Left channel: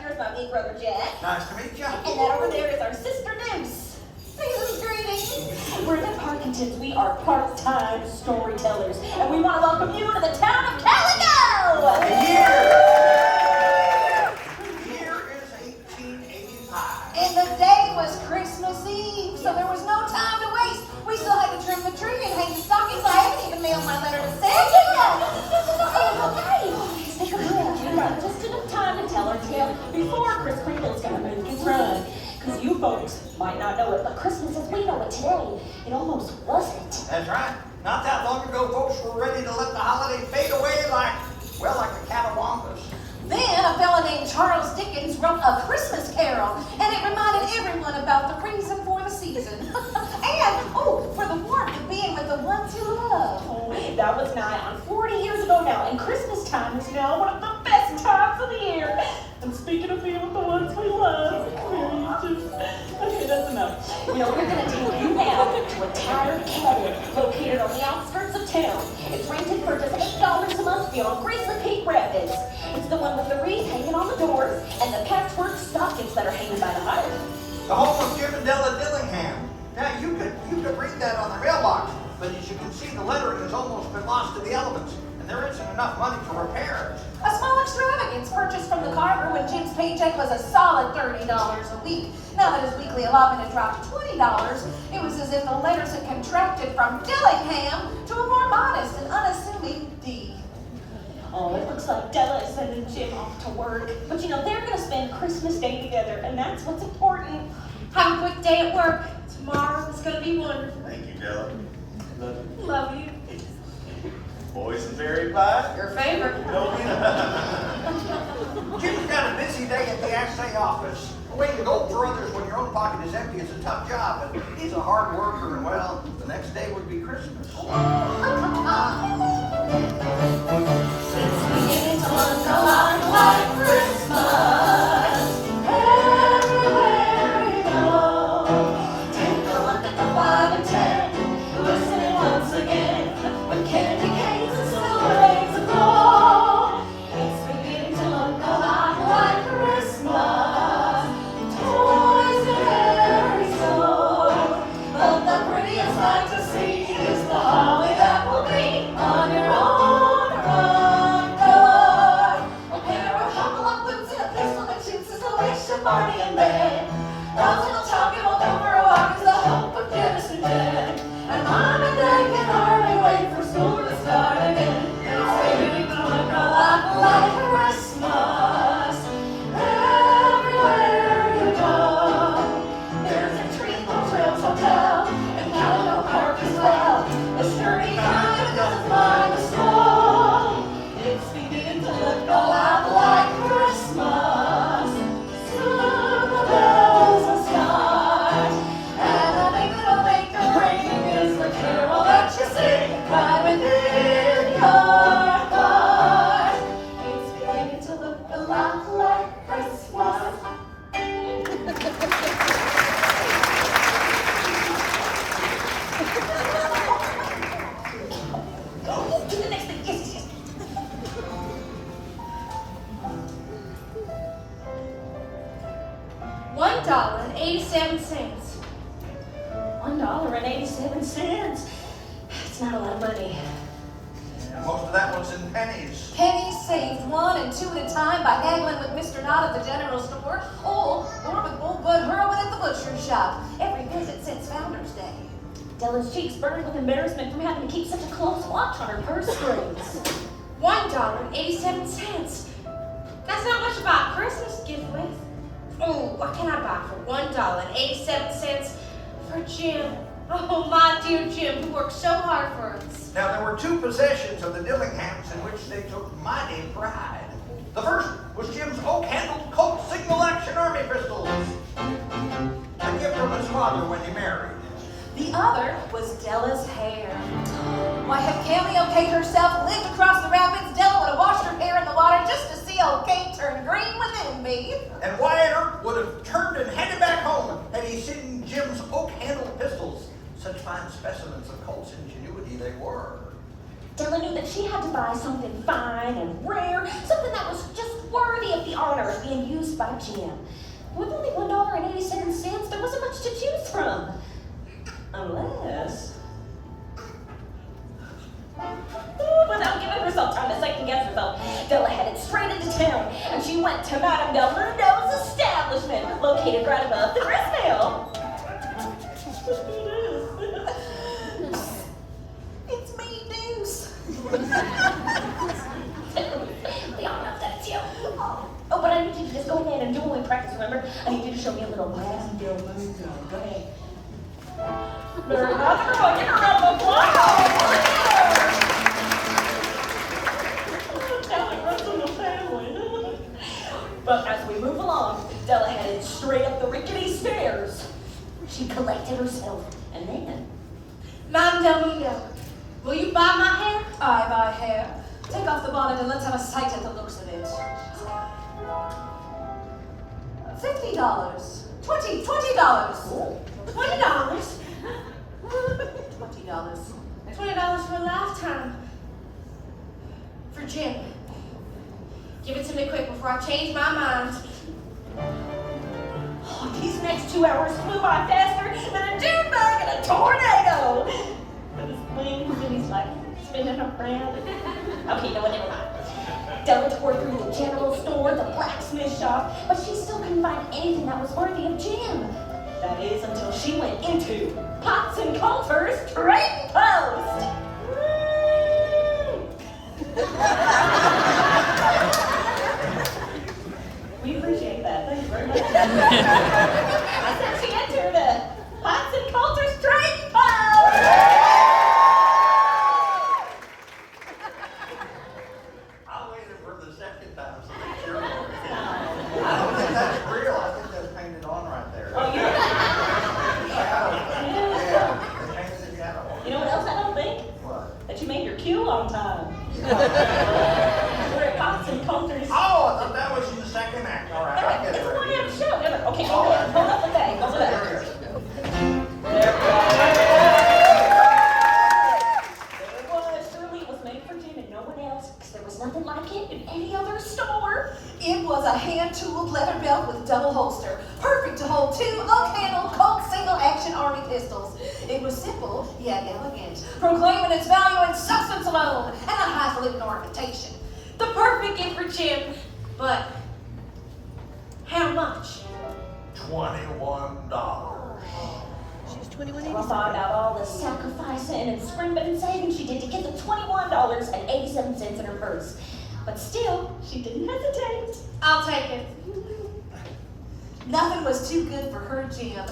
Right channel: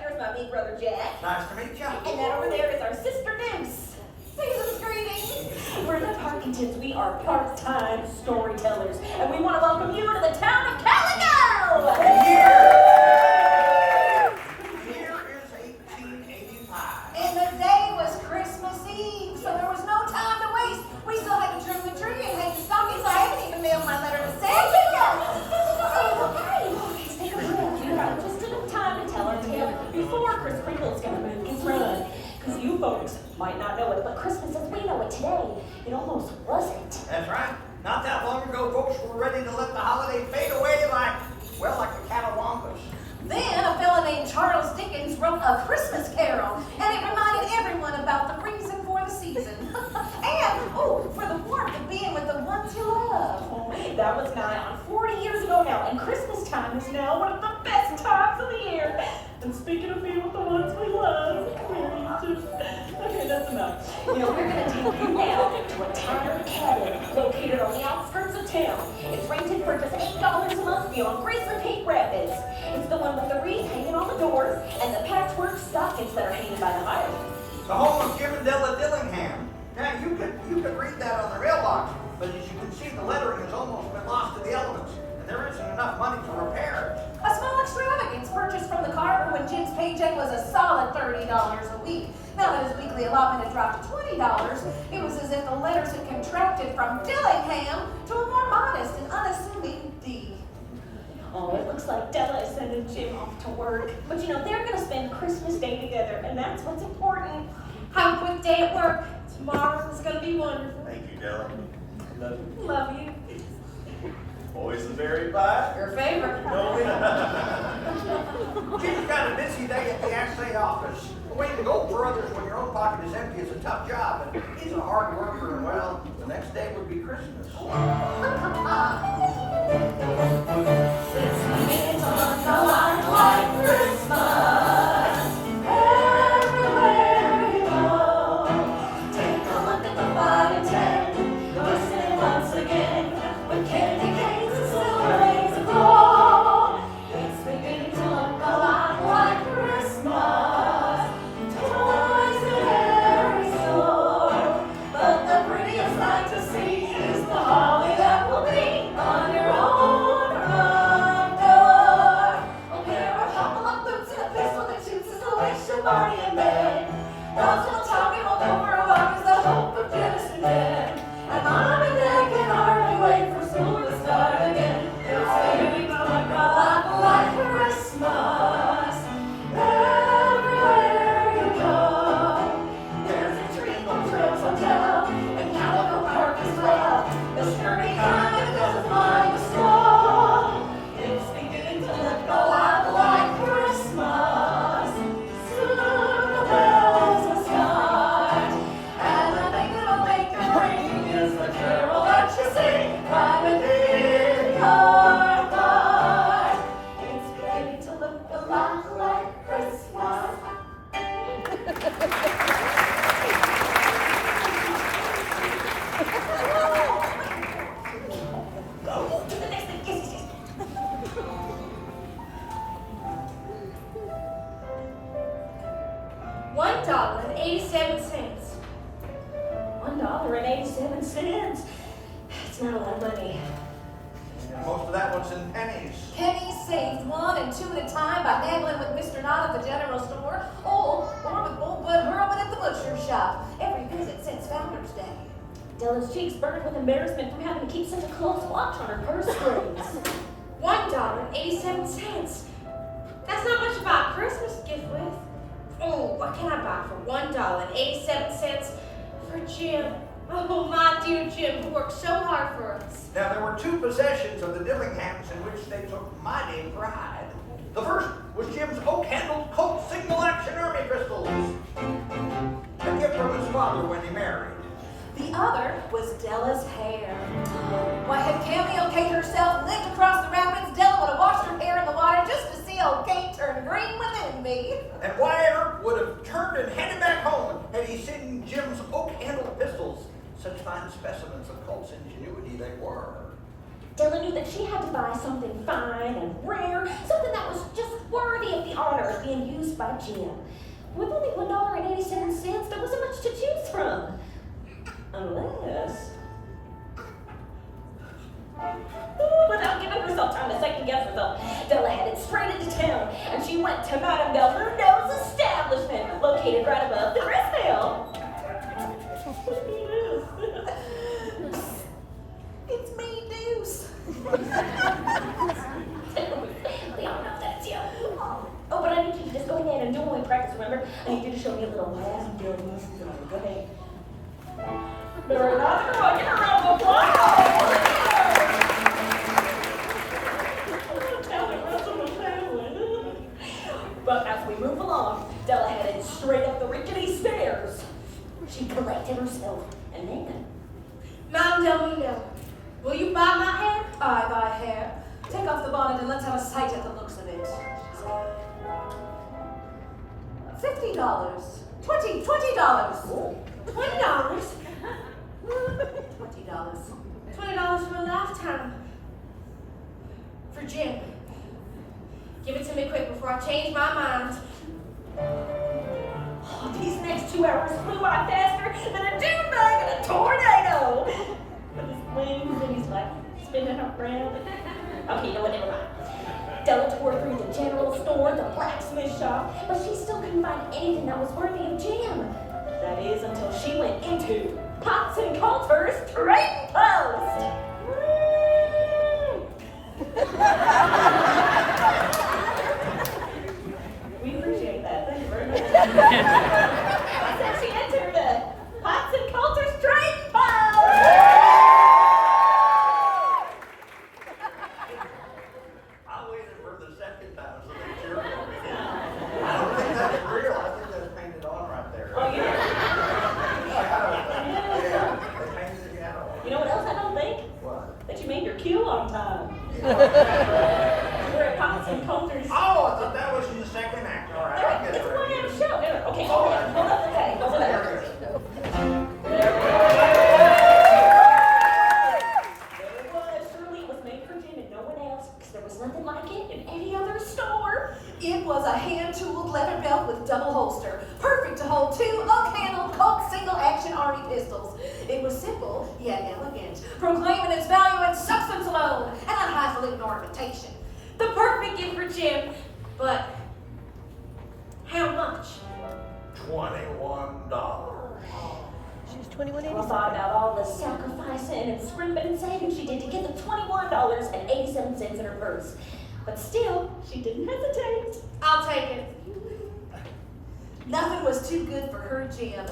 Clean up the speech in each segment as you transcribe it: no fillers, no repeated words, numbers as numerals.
here is my big brother Jack. Nice to meet you. And that over there is our sister Deuce. Season's greetings. We're the Parkingtons. We are part-time storytellers. And we want to welcome you to the town of Calico! The year is 1885. And the day was Christmas Eve, so there was no time to waste. We still had to trim the tree and hang the stockings. I haven't even mailed my letter to Santa yet. Okay, take a breath. You got just enough time to tell our tale before Chris Kringle's gonna make his run. Because you folks might not know it, but Christmas as we know it today, it almost wasn't. That's right. Not that long ago, folks were ready to let the holiday fade away like the Catawampus. Then a fella named Charles Dickens wrote A Christmas Carol, and it reminded everyone about the reason for the season. And, for the warmth of being with the ones you love. Oh, that was nigh on 40 years ago now, and Christmas time is now one of the best times of the year. And speaking of being with the ones we love, okay, that's enough. We're going to take you now to a tattered cabin located on the outskirts of town. It's rented for just $8 a month beyond Grizzly Peak Rapids. It's the one with the wreath hanging on the doors and the patchwork stockings that are hanging by the hearth. The home of Jim and Della Dillingham. Now, you could read that on the mailbox, but as you can see, the lettering has almost been lost to the elements, and there isn't enough money to repair it. A small extravagance purchased from the carver when Jim's paycheck was a solid $30 a week. Now that his weekly allotment had dropped to $20, it was as if the letters had contracted from Dillingham to a more modest and unassuming D. Oh, it looks like Della is sending Jim off to work. But they're going to spend Christmas Day together, and that's what's important. Have a quick day at work. Tomorrow's going to be wonderful. Thank you, Della. Love you. Boysenberry pie? Your favorite. Jim's got a busy day at the assay office. Waiting gold for others when your own pocket is empty is a tough job, but he's a hard worker, and well, the next day would be Christmas. Since we begin to look a lot like Christmas, everywhere you go, take a look at the 5 and 10, listening once again, with candy canes and silver rays of gold. It's beginning to look a lot like Christmas, toys in every store, but the prettiest sight to see is the holly that will be on your own front door. A pair of hop-along boots and a pistol that shoots installation party in bed. Those little Tommy won't go for a walk is the hope of Jefferson Dead. And Mom and Dad can hardly wait for school to start again. It's beginning to look a lot like Christmas. Everywhere you go, there's a Treacle Trails Hotel and Calico Park as well. The sturdy kind that doesn't mind the snow. It's beginning to look a lot like Christmas. Soon the bells will start, and the big little maker ring is the carol that you sing right within your heart. It's beginning to look a lot like Christmas. Go to the next thing. Yes. $1.87. $1.87. It's not a lot of money. And most of that one's in pennies. Pennies saved 1 and 2 at a time by haggling with Mr. Knott at the general store, or with old Bud Hurlman at the butcher's shop. Every visit since Founder's Day. Della's cheeks burned with embarrassment from having to keep such a close watch on her purse strings. $1.87. That's not much to buy a Christmas gift with. Oh, what can I buy for $1.87 for Jim? Oh, my dear Jim, who worked so hard for us. Now, there were 2 possessions of the Dillinghams in which they took mighty pride. The first was Jim's oak-handled Colt Signal Action Army pistols, a gift from his father when he married. The other was Della's hair. Why, had Cameo Kate herself lived across the rapids, Della would have washed her hair in the water just to see old Kate turn green within me. And Wyatt would have turned and headed back home had he seen Jim's oak-handled pistols. Such fine specimens of Colt's ingenuity they were. Della knew that she had to buy something fine and rare, something that was just worthy of the honor of being used by Jim. With only $1.87, there wasn't much to choose from. Unless... Without giving herself time to second guess herself, Della headed straight into town, and she went to Madame Del Mundo's establishment, located right above the gristmill. It's me, Deuce. Oh, but I need you to just go ahead and do what we practice, remember? I need you to show me a little Madame Del Mundo. Go ahead. Better not throw it. Get her around the applause. But as we move along, Della headed straight up the rickety stairs. She collected herself, and then... Madame Del Mundo, will you buy my hair? I buy hair. Take off the bonnet and let's have a sight at the looks of it. $50. $20. $20. $20. $20 for a lifetime. For Jim. Give it to me quick before I change my mind. Oh, these next 2 hours flew by faster than a dune bug in a tornado. With his wings and he's like spinning around. Okay, you know what, never mind. Della tore through the general store, the blacksmith shop, but she still couldn't find anything that was worthy of Jim. That is until she went into Potts and Coulter's trading post. We appreciate that. Thank you very much. I said she entered the Potts and Coulter's trading post. I waited for the second time so they sure. I don't think that's real. I think that's painted on right there. Oh, yeah. Yeah, they painted it on. You know what else I don't think? What? That you made your cue on time. We're at Potts and Coulter's. Oh, I thought that was in the second act. All right, I get it. It's a right one-act here. show. Okay, hold up the day. Over there. There it is. There it was. Surely it was made for Jim and no one else, because there was nothing like it in any other store. It was a hand-tooled leather belt with double holster, perfect to hold 2 oak-handled Colt single-action army pistols. It was simple, yet elegant, proclaiming its value in substance alone and a highfalutin ornamentation. The perfect gift for Jim, but how much? $21. Della thought about all the sacrificing and scrimping and saving she did to get the $21.87 in her purse. But still, she didn't hesitate. I'll take it. Nothing was too good for her Jim.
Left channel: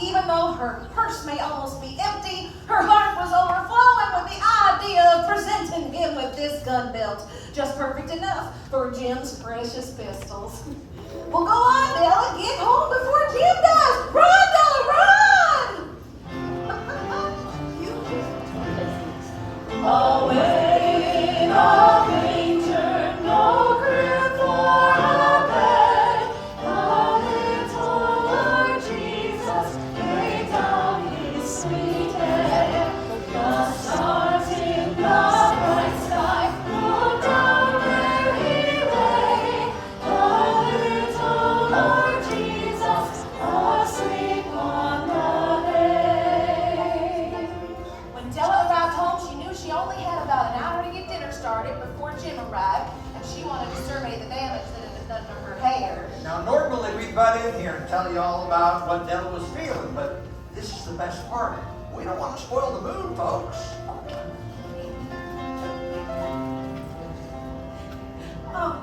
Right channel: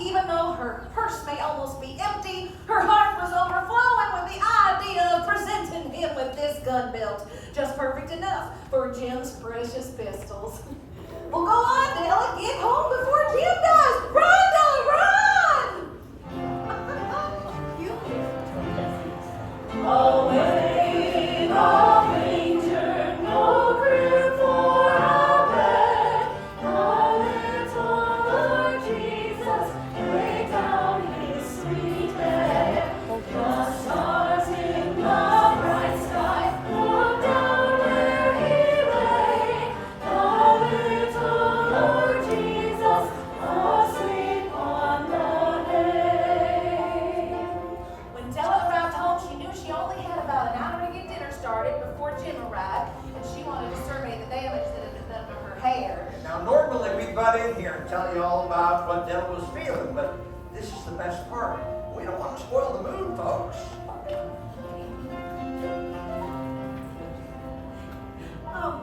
Even though her purse may almost be empty, her heart was overflowing with the idea of presenting him with this gun belt. Just perfect enough for Jim's precious pistols. Well, go on, Della. Get home before Jim does. Run, Della, run! Away, away, turn no crib for a bed. A little Lord Jesus, lay down his sweet head. The stars in the bright sky look down where he lay. A little Lord Jesus, asleep on the hay. When Della arrived home, she knew she only had about an hour to get dinner started before Jim arrived, and she wanted to survey the damage that had been done to her hair. Now, normally we'd butt in here and tell you all about what Della was feeling, but this is the best part. We don't want to spoil the mood, folks. Oh.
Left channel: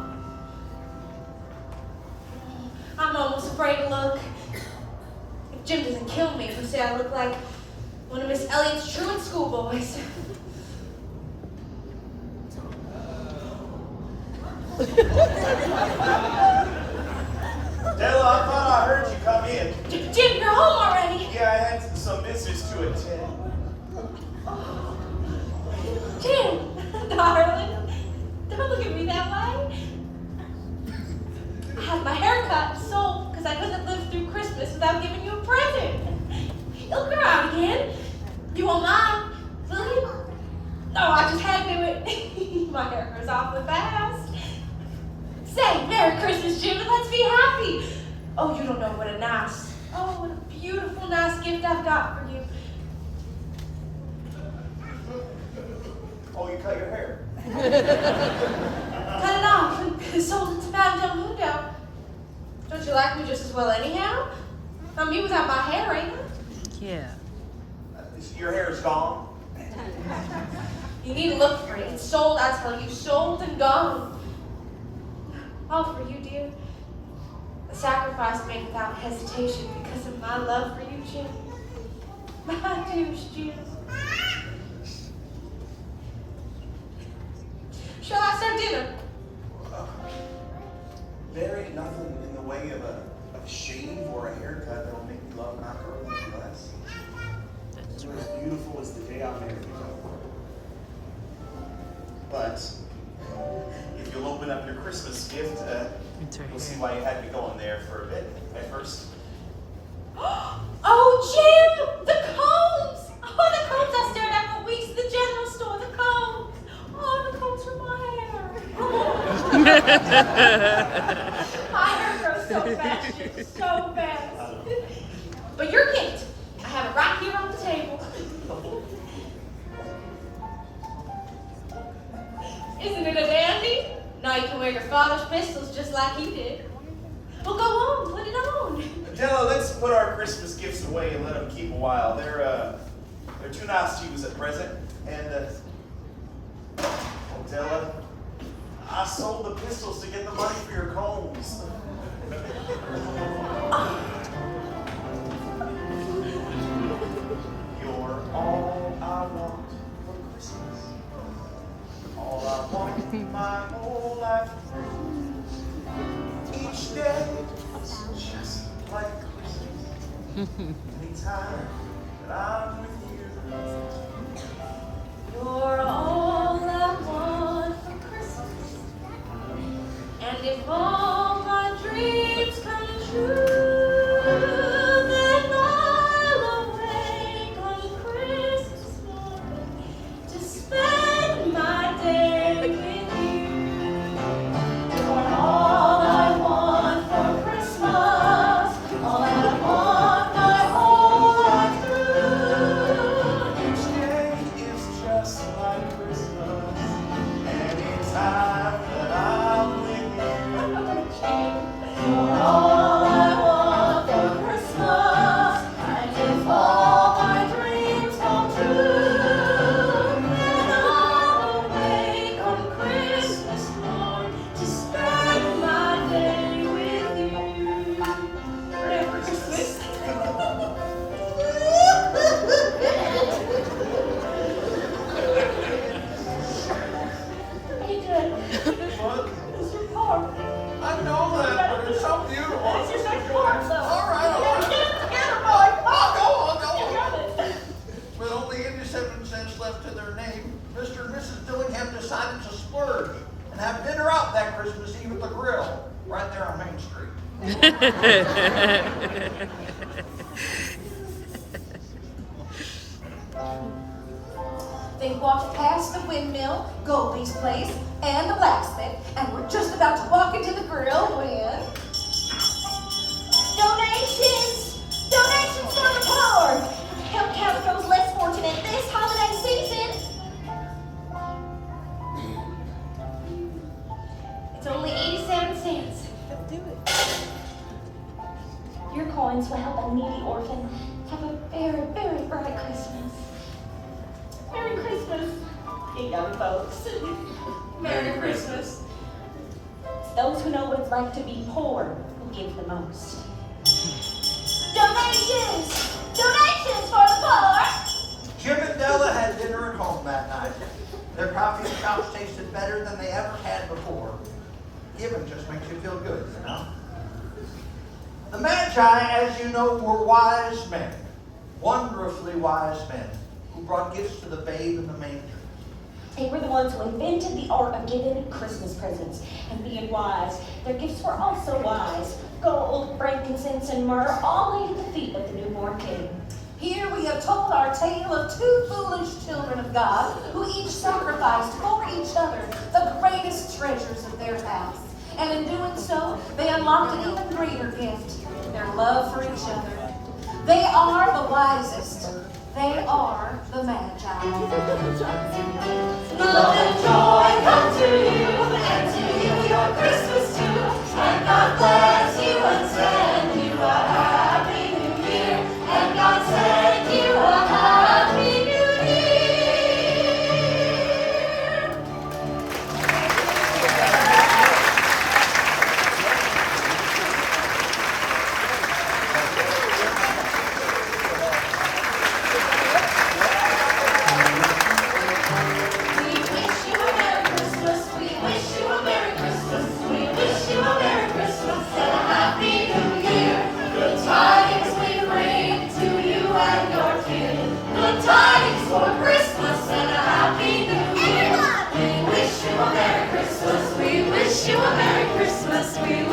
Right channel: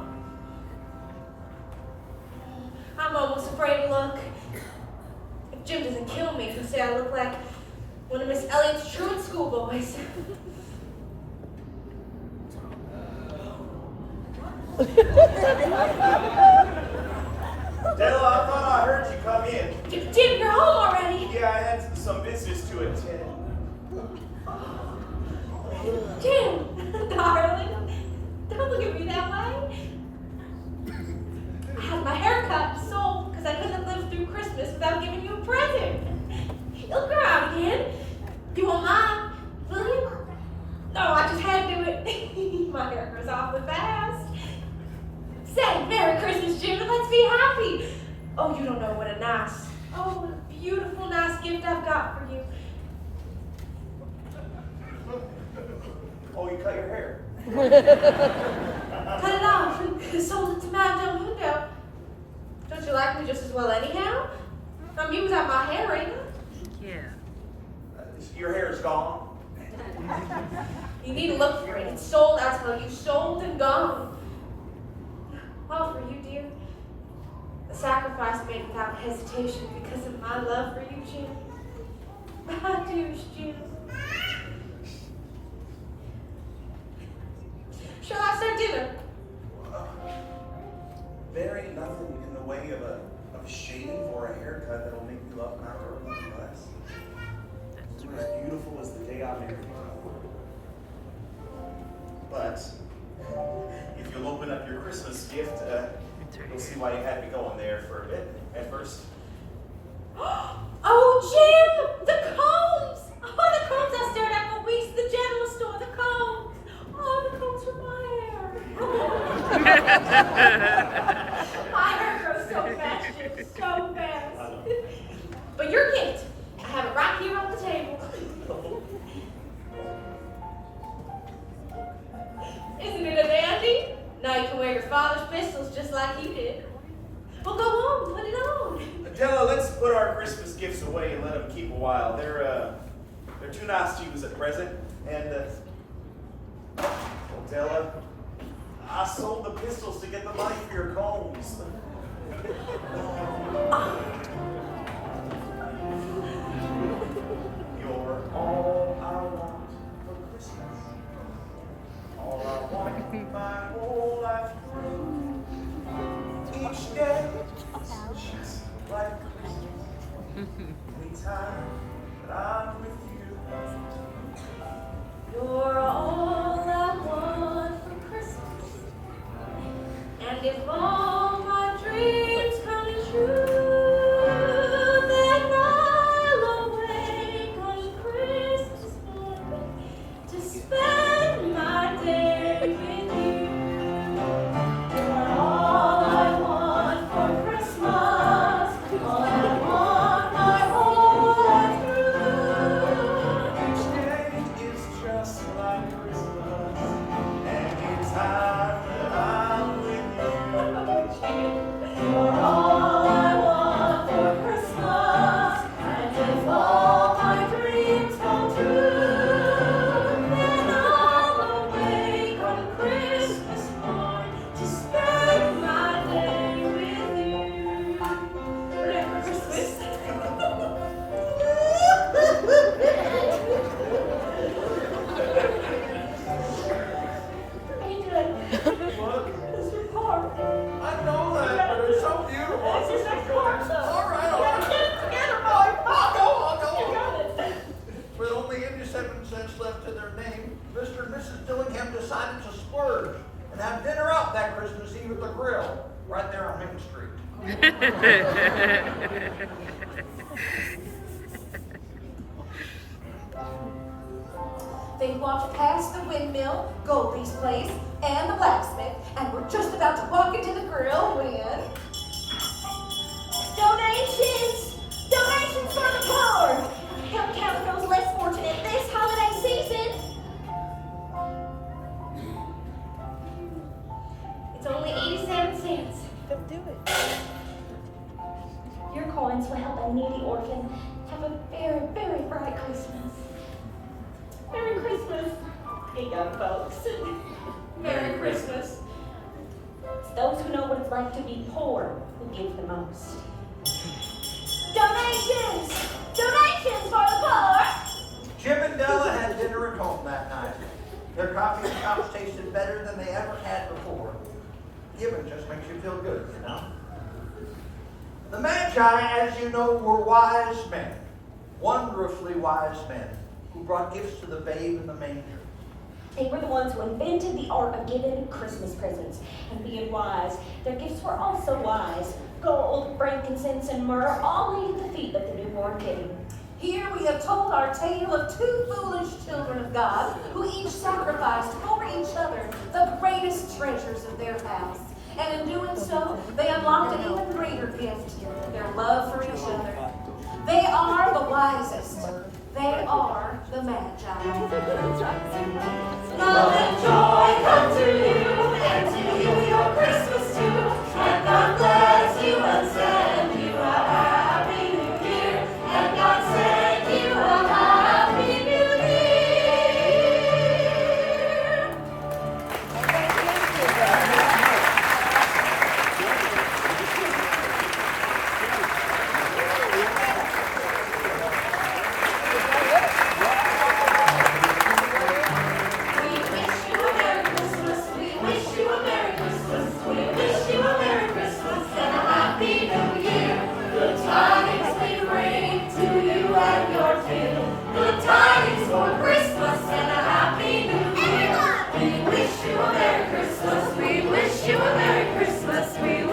I'm almost afraid to look. If Jim doesn't kill me, he'll say I look like one of Miss Elliott's truant schoolboys. Della, I thought I heard you come in. Jim, you're home already. Yeah, I had some business to attend. Jim, darling, don't look at me that way. I had my hair cut and sold because I couldn't live through Christmas without giving you a present. Look around again. You won't mind, will you? No, I just had to do it. My hair grows awfully fast. Say, Merry Christmas, Jim, and let's be happy. Oh, you don't know what a beautiful, nice gift I've got for you. Oh, you cut your hair. Cut it off and sold it to Madame Del Mundo. Don't you like me just as well anyhow? I'm me without my hair, ain't I? Yeah. Your hair is gone. You need to look for it. It's sold, I tell you, sold and gone. All for you, dear. A sacrifice made without hesitation because of my love for you, Jim. My dearest Jim. Shall I serve dinner? There ain't nothing in the way of a shave or a haircut that'll make me love my girl any less. It's as beautiful as the day I married her. But if you'll open up your Christmas gift, you'll see why you had me going there for a bit at first. Oh, Jim! The combs! Oh, the combs I stared at for weeks at the general store. The combs! Oh, the combs for my hair. My hair grows so fast, Jim, so fast. But your gift, I have it right here on the table. Isn't it a dandy? Now you can wear your father's pistols just like he did. Well, go on, put it on. Della, let's put our Christmas gifts away and let them keep a while. They're too nice to use at present. And, Della, I sold the pistols to get the money for your combs. You're all I want for Christmas. All I want my whole life through. Each day is just like Christmas. Anytime that I'm with you. You're all I want for Christmas. And if all my dreams come true, then I'll awake on Christmas morning to spend my day with you. You're all I want for Christmas. All I want my whole life through. Each day is just like Christmas. Anytime that I'm with you. You're all I want for Christmas, and if all my dreams come true, then I'll awake on Christmas morn to spend my day with you. Merry Christmas. Are you good? What? It's your part. I know that, but it's so beautiful. That's your second part, though. All right, all right. Get it together, boy. I'll go. You got it. With only 87 cents left to their name, Mr. and Mrs. Dillingham decided to splurge and have dinner out that Christmas Eve at the grill, right there on Main Street. They walked past the windmill, Goldie's place, and the blacksmith, and were just about to walk into the grill when... Donations! Donations for the poor! Help Calico's less fortunate this holiday season! It's only 87 cents. Your coins will help a needy orphan have a very, very bright Christmas. Merry Christmas, you young folks. Merry Christmas. It's those who know what it's like to be poor who give the most. Donations! Donations for the poor! Jim and Della had dinner at home that night. Their coffee and chops tasted better than they ever had before. Giving just makes you feel good, you know? The Magi, as you know, were wise men, wondrously wise men, who brought gifts to the babe in the manger. They were the ones who invented the art of giving Christmas presents and being wise. Their gifts were also wise. Gold, frankincense, and myrrh all laid at the feet of the newborn king. Here we have told our tale of two foolish children of God who each sacrificed for each other the greatest treasures of their house. And in doing so, they unlocked an even greater gift, their love for each other. They are the wisest. They are the Magi. Love and joy come to you, and to you your Christmas too. And God bless you and send you a happy new year. And God send you a happy new year. We wish you a Merry Christmas. We wish you a Merry Christmas. We wish you a Merry Christmas and a Happy New Year. Good tidings we bring to you and your kin. Good tidings for Christmas and a Happy New Year. We wish you a Merry Christmas. We wish you a Merry Christmas. We